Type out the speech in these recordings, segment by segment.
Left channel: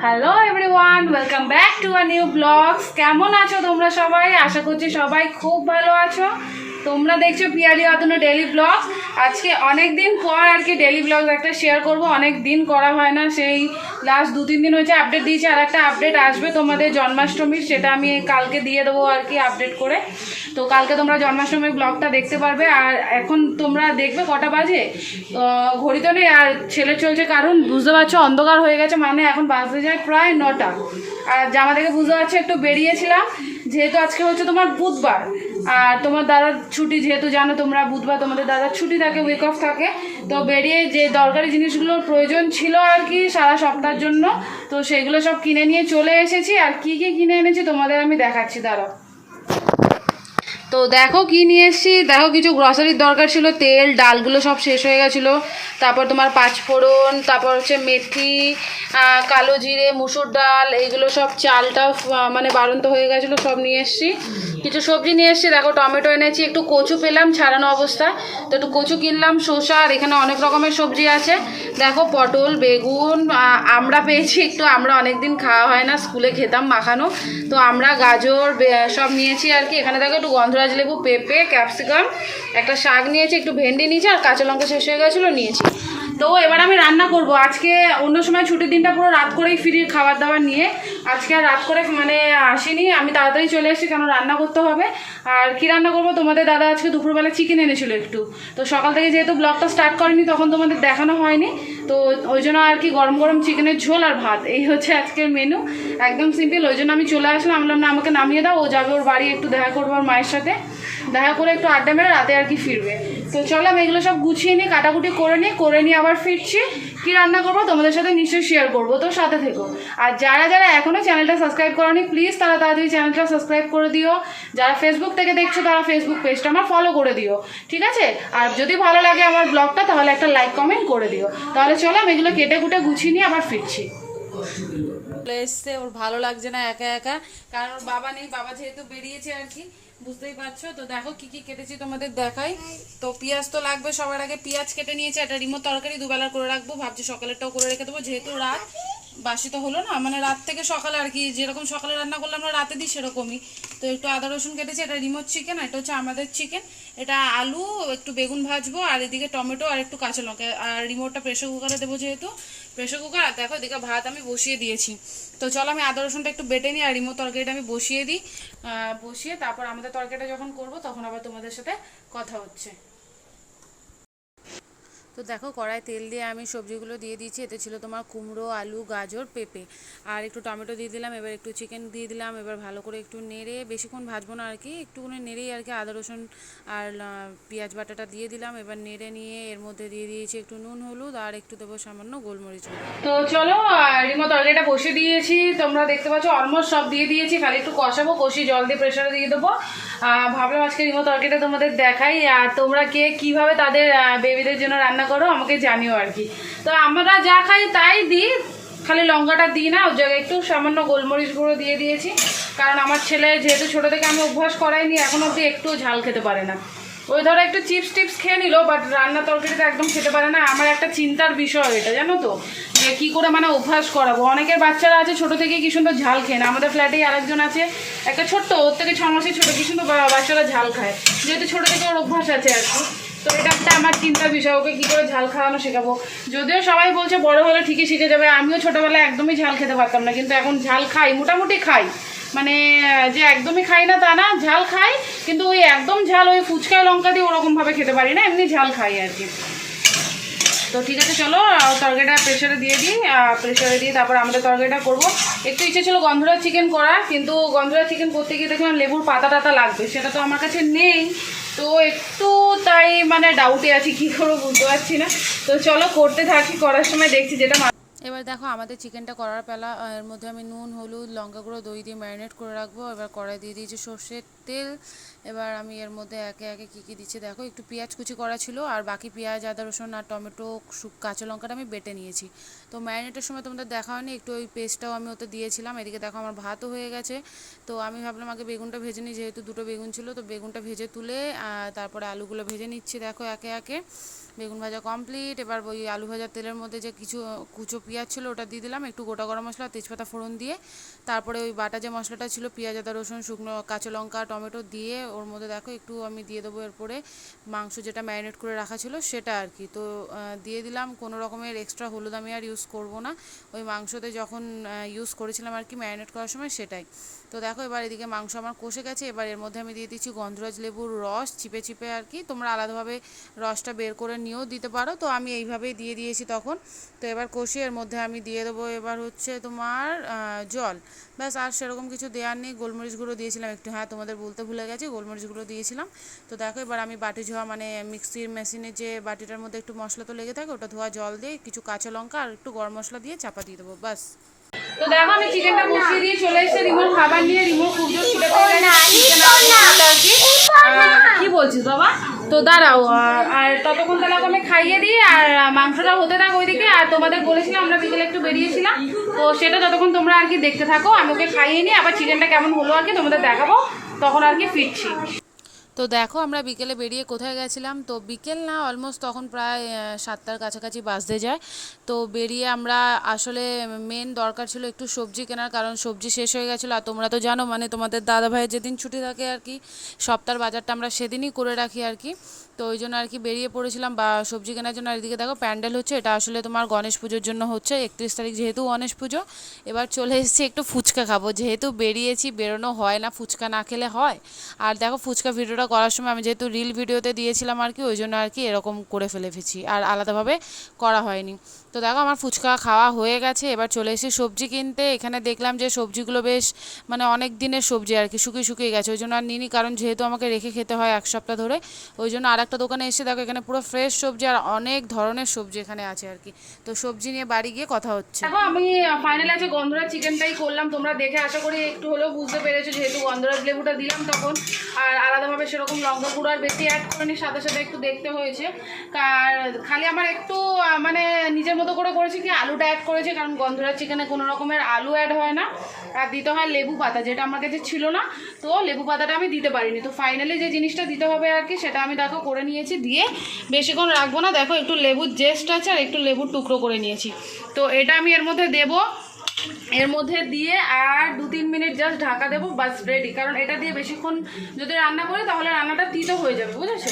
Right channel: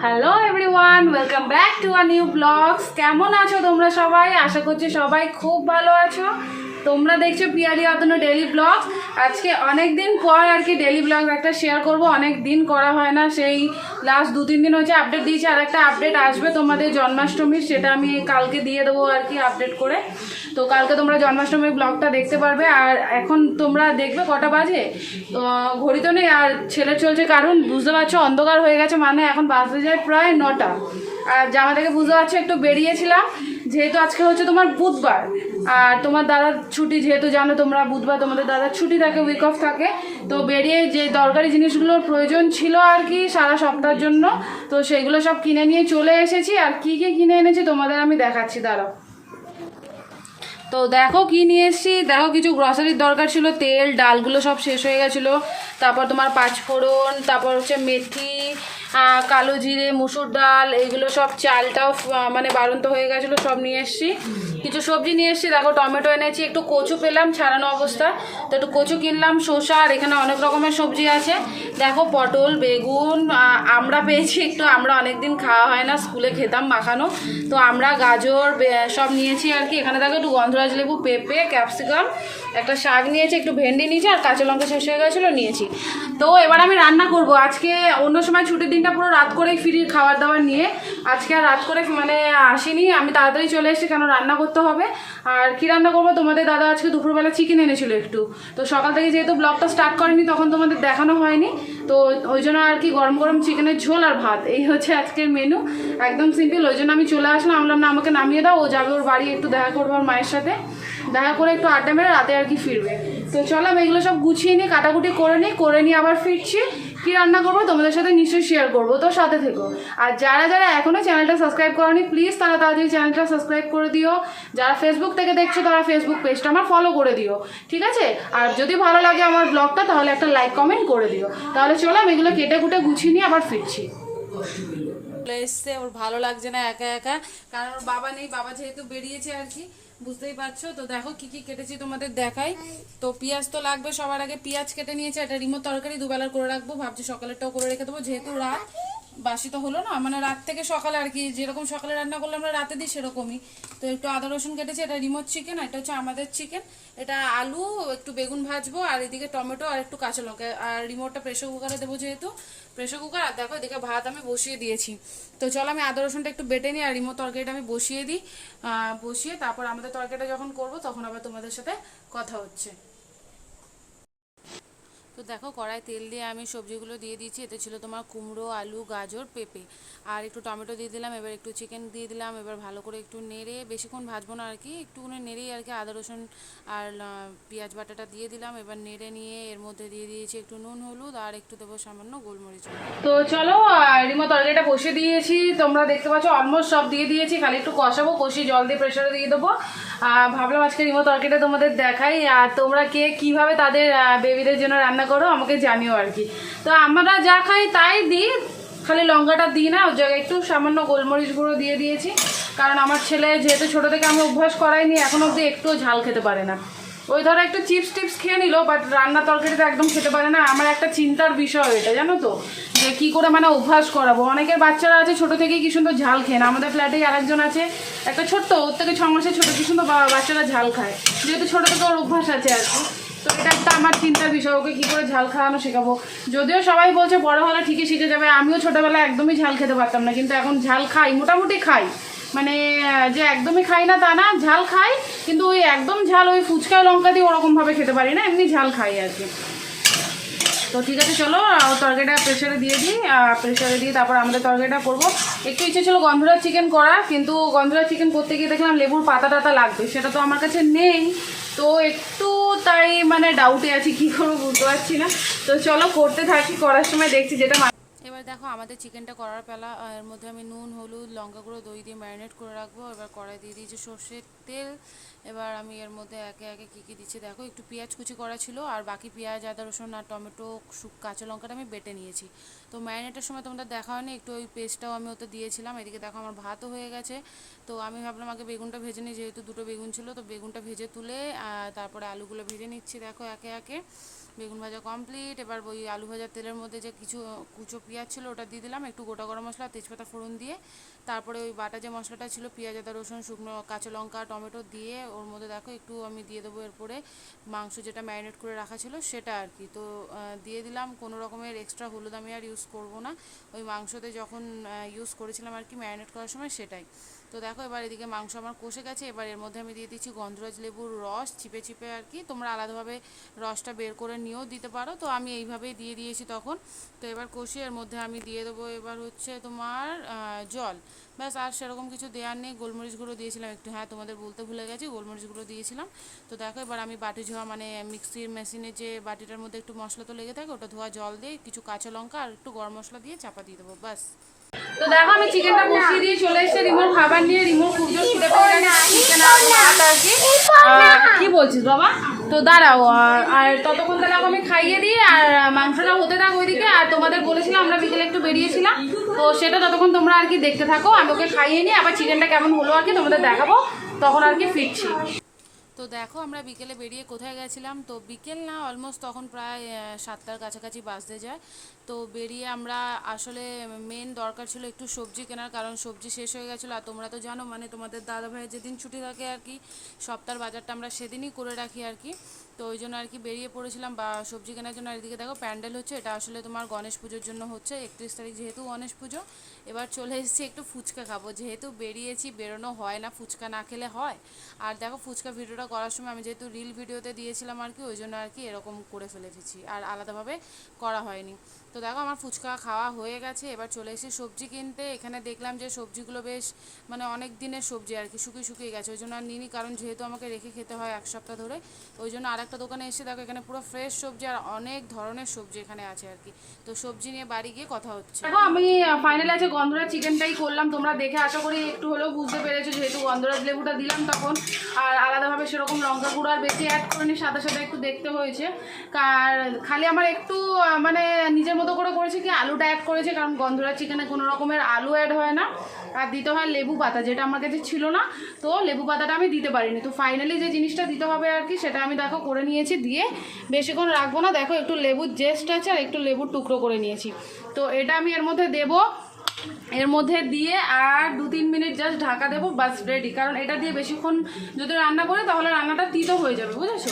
Hello everyone welcome back to a new blogs কেমন আছো তোমরা সবাই? আশা করছি সবাই খুব ভালো আছো। তোমরা দেখছ পিয়ালি অতনু ডেলি ব্লগ আজকে অনেক দিন পর আর কি ডেলি ব্লগ একটা শেয়ার করব। অনেক দিন করা হয় না, সেই লাস্ট দু তিন দিন হচ্ছে আপডেট দিয়েছি, আর একটা আপডেট আসবে তোমাদের জন্মাষ্টমীর, সেটা আমি কালকে দিয়ে দেবো আর কি আপডেট করে। তো কালকে তোমরা জন্মাষ্টমীর ব্লগটা দেখতে পারবে, আর এখন তোমরা দেখবে কটা বাজে? ঘড়ি তো নেই, আর ছেলে চলছে কারণ বুঝতে পারছ, অন্ধকার হয়ে গেছে মানে এখন বাজতে যায় প্রায় নটা। আর জামা থেকে বুঝতে পারছ, একটু বেরিয়েছিলাম, যেহেতু আজকে হচ্ছে তোমার বুধবার আর তোমার দাদার ছুটি যেহেতু জানো, তোমরা বুধবার তোমাদের দাদার ছুটি থাকে উইক অফ থাকে। তো বেরিয়ে যে দরকারি জিনিসগুলোর প্রয়োজন ছিল আর কি সারা সপ্তাহের জন্য, তো সেইগুলো সব কিনে নিয়ে চলে এসেছি। আর কি কি কিনে এনেছি তোমাদের আমি দেখাচ্ছি, দাঁড়াও। তো দেখো কি নিয়ে এসেছি। দেখো কিছু গ্রসারির দরকার ছিল, তেল, ডালগুলো সব শেষ হয়ে গেছিল। তারপর তোমার পাঁচফোড়ন, তারপর হচ্ছে মেথি কালো জিরে, মুসুর ডাল, এইগুলো সব চালটাও মানে বারন্ত হয়ে গেছিল, সব নিয়ে এসেছি। কিছু সবজি নিয়ে এসেছি, দেখো টমেটো এনেছি, একটু কচু পেলাম, ছাড়ানো অবস্থায় তো একটু কচু কিনলাম, শসা, আর এখানে অনেক রকমের সবজি আছে। দেখো পটল, বেগুন আমরা পেয়েছি একটু, আমরা অনেক দিন খাওয়া হয় না, স্কুলে খেতাম মাখানো। তো আমরা গাজর সব নিয়েছি আর কি। এখানে দেখো একটু গন্ধরাজ লেবু, পেঁপে, ক্যাপসিকাম, একটা শাক নিয়েছি, একটু ভেন্ডি নিয়েছি আর কাঁচা লঙ্কা শেষ হয়ে গেছিল, নিয়েছি। তো এবার আমি রান্না করব। আজকে অন্য সময় ছুটির দিনটা পুরো রাত করেই ফিরি খাবার দাবার নিয়ে। আজকে আর রাত করে মানে আসেনি। আমি তাড়াতাড়ি চলে এসেছি, কেন রান্না করতে হবে? আর কি রান্না করব? তোমাদের দাদা আজকে দুপুরবেলা চিকেন এনেছিল একটু। তো সকাল থেকে যেহেতু ব্লগটা স্টার্ট করেনি, তখন তোমাদের দেখানো হয়নি। তো ওই জন্য আর কি গরম গরম চিকেনের ঝোল আর ভাত। এই হচ্ছে আজকের মেনু একদম সিম্পল ওই জন্য আমি চলে আসলাম। আমি বললাম না, আমাকে নামিয়ে দাও। ও যাবে ওর বাড়ি, একটু দেখা করব ওর মায়ের সাথে। দেখা করে একটু আড্ডা মেরে রাতে আর কি ফিরবে। তো চলো আমি এগুলো সব গুছিয়ে নিই কাটাকুটি করে নিই করে নিয়ে আবার ফিরছি। কি রান্না করব তোমাদের সাথে নিশ্চয়ই শেয়ার করব, তো সাথে থেকো। আর যারা যারা এখনও চ্যানেলটা সাবস্ক্রাইব করনি প্লিজ তারা তাড়াতাড়ি চ্যানেলটা সাবস্ক্রাইব করে দিও। যারা ফেসবুক থেকে দেখছ, তারা ফেসবুক পেজটা আমার ফলো করে দিও, ঠিক আছে? আর যদি ভালো লাগে আমার ব্লগটা তাহলে একটা লাইক কমেন্ট করে দিও। তাহলে চলো আমি এগুলো কেটে কুটে গুছিয়ে নিয়ে আবার ফিরছি। এসছে, ওর ভালো লাগছে না একা একা, কারণ ওর বাবা নেই, বাবা যেহেতু বেরিয়েছে আর কি বুঝতেই পারছ? তো দেখো কি কি কেটেছি তোমাদের দেখাই। তো পেঁয়াজ তো লাগবে, সবার আগে পেঁয়াজ কেটে নিয়েছি একটা রিমো তরকারি দুবেলা করে রাখব। ভাবছি সকালেরটাও করে রেখে দেবো, যেহেতু রাত। বাসি তো হলো না মানে রাত থেকে সকালে আর কি, যেরকম সকালে রান্না করলে আমরা রাতে দিই সেরকমই। তো একটু আদা, রসুন কেটেছি, এটা রিমোট চিকেন এটা হচ্ছে আমাদের চিকেন এটা আলু, একটু বেগুন ভাজবো, আর এদিকে টমেটো আর একটু কাঁচা লঙ্কা। আর রিমোটটা প্রেশার কুকারে দেবো যেহেতু প্রেশার কুকার আর দেখো এদিকে ভাত আমি বসিয়ে দিয়েছি। তো চলো আমি আদা, রসুনটা একটু বেটে নিই, আর রিমোট তরকারিটা আমি বসিয়ে দিই। বসিয়ে তারপর আমাদের তরকারিটা যখন করব, তখন আবার তোমাদের সাথে কথা হচ্ছে। তো দেখো কড়াই তেল দিয়ে আমি সবজিগুলো দিয়ে দিয়েছি। এতে ছিল তোমার কুমড়ো, আলু, গাজর, পেঁপে। আর একটু টমেটো দিয়ে দিলাম, এবার একটু চিকেন দিয়ে দিলাম, এবার ভালো করে একটু নেড়ে বেশিক্ষণ ভাজবো না আর কি, একটুখানি নেড়েই আর কি আদা, রসুন আর পেঁয়াজ বাটাটা দিয়ে দিলাম। এবার নেড়ে নিয়ে এর মধ্যে দিয়ে দিয়েছি একটু নুন, হলুদ আর একটু দেবো সামান্য গোলমরিচ। তো চলো রিমো তরকারিটা বসে দিয়েছি। তোমরা দেখতে পাচ্ছ অলমোস্ট সব দিয়ে দিয়েছি, খালি একটু কষাবো, কষিয়ে জল দিয়ে প্রেশারে দিয়ে দেবো। ভাবলাম আজকে রিমো তরকারিটা তোমাদের দেখাই। আর তোমরা কে কীভাবে তাদের বেবিদের জন্য রান্না করো, আমাকে জানিও আর কি। তো আমরা যা খাই তাই দিই, খালি লঙ্কাটা দিই না, ওর জায়গায় একটু সামান্য গোলমরিচ গুঁড়ো দিয়ে দিয়েছি। কারণ আমার ছেলে যেহেতু ছোটো থেকে আমি অভ্যাস করাইনি, এখন অবধি একটুও ঝাল খেতে পারে না। ওই ধরো একটু চিপস টিপস খেয়ে নিল বাট রান্না তরকারিটা একদম খেতে পারে না। আমার একটা চিন্তার বিষয় এটা, জানো তো? যে কী করে মানে অভ্যাস করাবো? অনেকের বাচ্চারা আছে, ছোটো থেকেই কি সুন্দর ঝাল খেয়ে না। আমাদের ফ্ল্যাটেই আরেকজন আছে, একটা ছোট্ট, ওর থেকে ছ মাসে ছোটো, কি সুন্দর বাচ্চারা ঝাল খায়। যেহেতু ছোটো থেকে ওর অভ্যাস আছে আর কি। তো এটা একটা আমার চিন্তার বিষয়, ওকে কী করে ঝাল খাওয়ানো শেখাবো? যদিও সবাই বলছে বড় হলে ঠিকই শিখে যাবে, আমিও ছোটোবেলায় একদমই ঝাল খেতে পারতাম না, কিন্তু এখন ঝাল খাই, মোটামুটি খাই। মানে যে একদমই খাই না তা না, ঝাল খাই, কিন্তু ওই একদম ঝাল, ওই ফুচকায় লঙ্কা দিয়ে ওরকমভাবে খেতে পারি না, এমনি ঝাল খাই আর কি। তো ঠিক আছে, চলো তরকারিটা প্রেশারে দিয়ে দিই প্রেশারে দিয়ে তারপর আমাদের তরকারিটা করব। একটু ইচ্ছে ছিল গন্ধরা চিকেন করা কিন্তু গন্ধরা চিকেন করতে গিয়ে দেখলাম লেবুর পাতা টাতা লাগবে, সেটা তো আমার কাছে নেই। তো একটু তাই মানে ডাউটে আছি, কী করব বুঝতে পারছি না। তো চলো করতে থাকি, করার সময় দেখছি যেটা এবার দেখো আমাদের চিকেনটা করার পেলা এর মধ্যে আমি নুন, হলুদ, লঙ্কা গুঁড়ো, দই দিয়ে ম্যারিনেট করে রাখব। এবার কড়াই দিয়ে দিয়েছি সর্ষের তেল। এবার আমি এর মধ্যে একে একে কী কী দিচ্ছি দেখো, একটু পেঁয়াজ কুচি করা ছিল, আর বাকি পেঁয়াজ, আদা, রসুন আর টমেটো কাঁচা লঙ্কাটা আমি বেটে নিয়েছি। তো ম্যারিনেটের সময় তোমাদের দেখা হয়নি, একটু ওই পেস্টটাও আমি ওতে দিয়েছিলাম, এদিকে দেখো আমার ভাতও হয়ে গেছে। তো আমি ভাবলাম আগে বেগুনটা ভেজে নিই, যেহেতু দুটো বেগুন ছিল, তো বেগুনটা ভেজে তুলে তারপরে আলুগুলো ভেজে নিচ্ছি, দেখো একে একে। বেগুন ভাজা কমপ্লিট এবার ওই আলু ভাজার তেলের মধ্যে যে কিছু, কুচো পেঁয়াজ ছিল ওটা দিয়ে দিলাম, একটু গোটা গরম মশলা, তেজপাতা ফোড়ন দিয়ে। তারপরে ওই বাটা যে মশলাটা ছিল, পেঁয়াজ, আদা, রসুন, শুকনো কাঁচা লঙ্কা, টমেটো দিয়ে ওর মধ্যে দেখো একটু আমি দিয়ে দেবো এরপরে মাংস যেটা ম্যারিনেট করে রাখা ছিল, সেটা আর কি। তো দিয়ে দিলাম, কোনো রকমের এক্সট্রা হলুদ আমি আর ইউজ করব না। ওই মাংসতে যখন ইউজ করেছিলাম আর কি ম্যারিনেট করার সময় সেটাই। তো দেখো, এবার এদিকে মাংস আমার কষে গেছে। এবার এর মধ্যে আমি দিয়ে দিচ্ছি গন্ধরাজ লেবুর রস, চিপে চিপে আর কি। তোমরা আলাদাভাবে রসটা বের করে নিয়েও দিতে পারো। তো আমি এইভাবেই দিয়ে দিয়েছি তখন। তো এবার কষিয়ে এর মধ্যে আমি দিয়ে দেবো এবার হচ্ছে তোমার জল। ব্যাস, আর সেরকম কিছু দেওয়ার নেই। গোলমরিচ গুঁড়ো দিয়েছিলাম একটু। হ্যাঁ তোমাদের বলতে ভুলে গেছি, গোলমরিচ গুঁড়ো দিয়েছিলাম। তো দেখো, এবার আমি বাটি ধোয়া মানে মিক্সির মেশিনে যে বাটিটার মধ্যে একটু মশলা তো লেগে থাকে, ওটা ধোয়া জল দিয়ে কিছু কাঁচা লঙ্কা আর একটু গরম মশলা দিয়ে চাপা দিয়ে দেবো। বাস তো দেখো আমি চিকেনটা বসিয়ে দিয়ে চলে এসেছি। রিমোর খাবার নিয়ে রিমোর খুব জোর ছুটে পেয়ে গেছে। চিকেন আর কি কি বলছিস বাবা? তো দাঁড়াও আর- ততক্ষণ তাহলে আমি খাইয়ে দিই আর মাংসটা হতে থাক ওইদিকে। আর তোমাদের বলেছিলাম আমরা বিকেলে একটু বেরিয়েছিলাম। তো সেটা ততক্ষণ তোমরা আর কি দেখতে থাকো। আমি ওকে খাইয়ে নিই আবার চিকেনটা কেমন হলো আর কি তোমাদের দেখাবো। তখন আর কি ফিরছি। তো দেখো আমরা বিকেলে বেরিয়ে কোথায় গেছিলাম? তো বিকেল না অলমোস্ট তখন প্রায় সাতটার কাছাকাছি বাজতে যায়। তো বেরিয়ে আমরা আসলে মেন দরকার ছিল একটু সবজি কেনার, কারণ সবজি শেষ হয়ে গেছিল। আর তোমরা তো জানো মানে তোমাদের দাদা ভাইয়ের যেদিন ছুটি থাকে আর কি, সপ্তাহের বাজারটা আমরা সেদিনই করে রাখি আর কি। তো ওই জন্য আর কি বেরিয়ে পড়েছিলাম বা সবজি কেনার জন্য। আর এদিকে দেখো প্যান্ডেল হচ্ছে, এটা আসলে তোমার গণেশ পুজোর জন্য হচ্ছে, একত্রিশ তারিখ যেহেতু গণেশ পুজো, এবার চলে এসেছি একটু ফুচকা খাব। যেহেতু বেরিয়েছি, বেরোনো হয় না, ফুচকা না খেলে হয়। আর দেখো ফুচকা ভিডিওটা করার সময় আমি যেহেতু রিল ভিডিওতে দিয়েছিলাম আর কি ওই জন্য আর কি এরকম করে ফেলেছি, আর আলাদাভাবে করা হয়নি। তো দেখো আমার ফুচকা খাওয়া হয়ে গেছে, এবার চলে এসেছি সবজি কিনতে। এখানে দেখলাম যে সবজিগুলো বেশ মানে অনেক দিনের সবজি আর কি শুকিয়ে শুকিয়ে গেছে, ওই জন্য আর নিইনি, কারণ যেহেতু আমাকে রেখে খেতে হয় এক সপ্তাহ ধরে, ওই জন্য আর একটা দোকানে এসে দেখো, এখানে পুরো ফ্রেশ সবজি আর অনেক ধরনের সবজি এখানে আছে আর কি। তো সবজি নিয়ে বাড়ি গিয়ে কথা হচ্ছে। দেখো, আমি ফাইনালি আছে গন্ধরাজ চিকেনটাই করলাম, তোমরা দেখে আশা করি একটু হলেও বুঝতে পেরেছ, যেহেতু গন্ধরাজ লেবুটা দিলাম তখন। আর আলাদাভাবে সেরকম লঙ্কা গুঁড়ো আর বেশি অ্যাড করে করিনি, সাথে সাথে একটু দেখতে হয়েছে। আর খালি আমার একটু মানে নিজের মতো করে করেছি কি, আলুটা অ্যাড করেছি, কারণ গন্ধরাজ চিকেনে কোনো রকমের আলু অ্যাড হয় না। আর দিতে হয় লেবু পাতা, যেটা আমার কাছে ছিল না, তো লেবু পাতাটা আমি দিতে পারিনি। তো ফাইনালি যে জিনিসটা দিতে হবে আর কি, সেটা আমি দেখো করে নিয়েছি, দিয়ে বেশিক্ষণ রাখব না। দেখো একটু লেবুর জেস্ট আছে আর একটু লেবুর টুকরো করে নিয়েছি। তো এটা আমি এর মধ্যে দেবো। এর মধ্যে দিয়ে আর দু তিন মিনিট জাস্ট ঢাকা দেবো, বাস রেডি কারণ এটা দিয়ে বেশিক্ষণ যদি রান্না করি, তাহলে রান্নাটা তিতো হয়ে যাবে, বুঝেছ?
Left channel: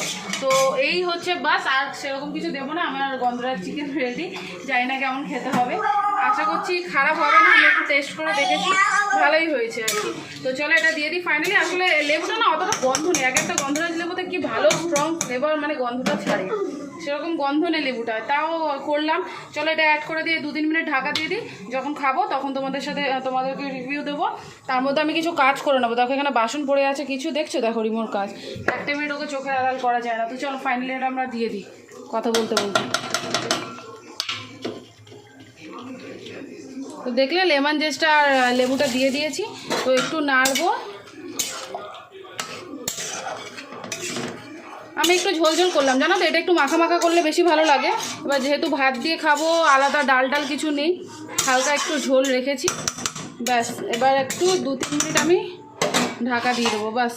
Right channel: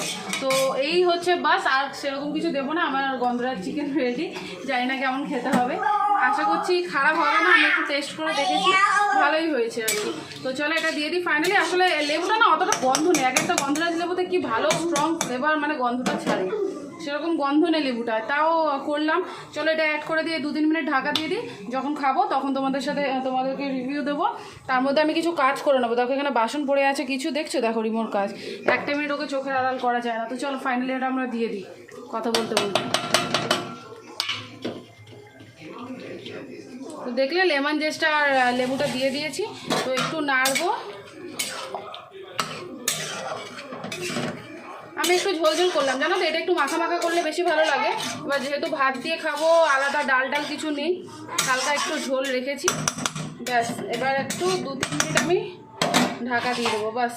তো এই হচ্ছে বাস, আর সেরকম কিছু দেবো না, আমার আর গন্ধরাজ চিকেন রেডি জানি না কেমন খেতে হবে। আশা করছি খারাপ হবে না আমি একটু টেস্ট করে দেখেছি। ভালোই হয়েছে আর কি। তো চলো, এটা দিয়ে দিই ফাইনালি আসলে লেবুটা না অতটা গন্ধ নেই। এক একটা গন্ধরাজ লেবুতে, কি ভালো স্ট্রং ফ্লেভার মানে গন্ধটা ছাড়ে। সেরকম গন্ধ নেই লেবুটা। তাও করলাম। চলো, এটা অ্যাড করে দিয়ে দু তিন মিনিট ঢাকা দিয়ে দিই। যখন খাব, তখন তোমাদের সাথে তোমাদেরকে রিভিউ দেবো। তার মধ্যে আমি কিছু কাজ করে নেব। দেখো, এখানে বাসন পড়ে আছে। কিছু দেখছ? দেখো, রিমোর কাজ। একটা মিনিট ওকে চোখের আড়াল করা যায় না। তো চলো ফাইনালি এটা আমরা দিয়ে দিই। কথা বলতে বলতে। তো দেখলে লেমন জেসটা আর লেবুটা দিয়ে দিয়েছি। তো একটু নাড়বো। আমি একটু ঝোল ঝোল করলাম, জানো তো? এটা একটু মাখা মাখা করলে বেশি ভালো লাগে। এবার যেহেতু ভাত দিয়ে খাব, আলাদা ডাল ডাল কিছু নেই, হালকা একটু ঝোল রেখেছি। ব্যাস, এবার একটু দু তিন মিনিট আমি ঢাকা দিয়ে দেবো, ব্যাস।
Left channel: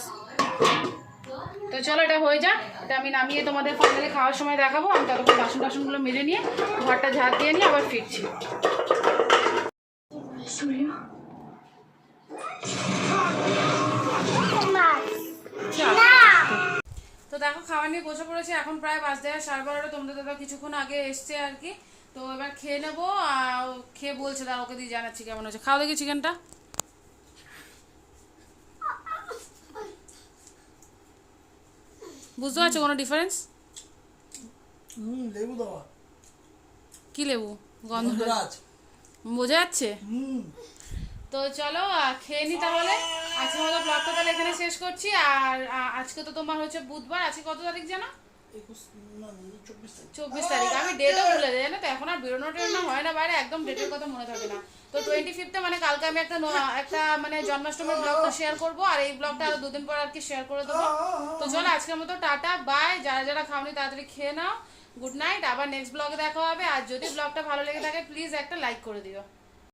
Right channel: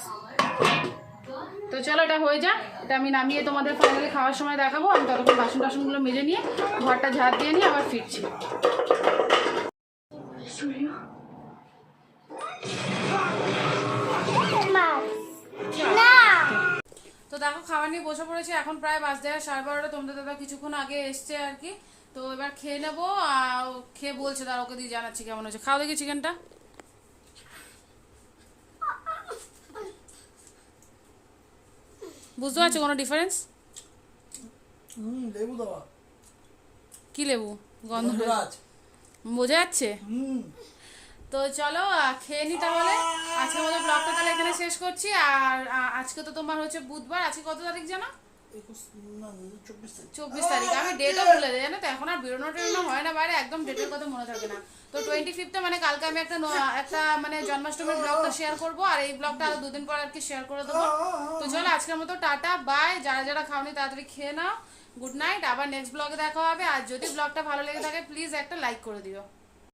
তো চলো, এটা হয়ে যাক। এটা আমি নামিয়ে তোমাদের ফাইনালি খাওয়ার সময় দেখাবো। আমি ততক্ষণ বাসন টাসনগুলো মেজে নিয়ে, ঘরটা ঝাড় দিয়ে নিয়ে আবার ফিরছি। দেখো খাওয়া নিয়ে বসে পড়েছে। এখন প্রায় বাজতে সাড়ে বারোটা। তোমাদের দাদা কিছুক্ষণ আগে এসছে আর কি। তো এবার খেয়ে নেব আর খেয়ে বলছে দাদা ওকে দিয়ে জানাচ্ছি কেমন হয়েছে। খাওয়া দেখি চিকেনটা। বুঝতে পারছ কোনো ডিফারেন্স হুম লেবু দেওয়া। কি লেবু? গন্ধ গন্ধরাজ। বোঝা যাচ্ছে? হুম। তো চলো খেয়ে নি তাহলে। আজকের মতো ব্লগটা তাহলে এখানে শেষ করছি। আর আজকে তো তোমার হচ্ছে বুধবার। আজকে কত তারিখ জানো? চব্বিশ তারিখ। আমি ডেটও ভুলে যাই, জানো তো? এখন আর বেরোনো টেরোনো হয় না বাইরে। একদম ডেটের কথা মনে থাকে না। তো টোয়েন্টি ফিফথে মানে কালকে আমি একটা একটা মানে জন্মাষ্টমীর ব্লগটা শেয়ার করব। আর এই ব্লগটা আরও দুদিন পর আর কি শেয়ার করে দেবো। তো চলো, আজকের মতো টাটা বাই যারা যারা খাওনি, তাড়াতাড়ি খেয়ে নাও। গুড নাইট আবার নেক্সট ব্লগে দেখা হবে। আর যদি ব্লগটা ভালো লেগে থাকে প্লিজ একটা লাইক করে দিও।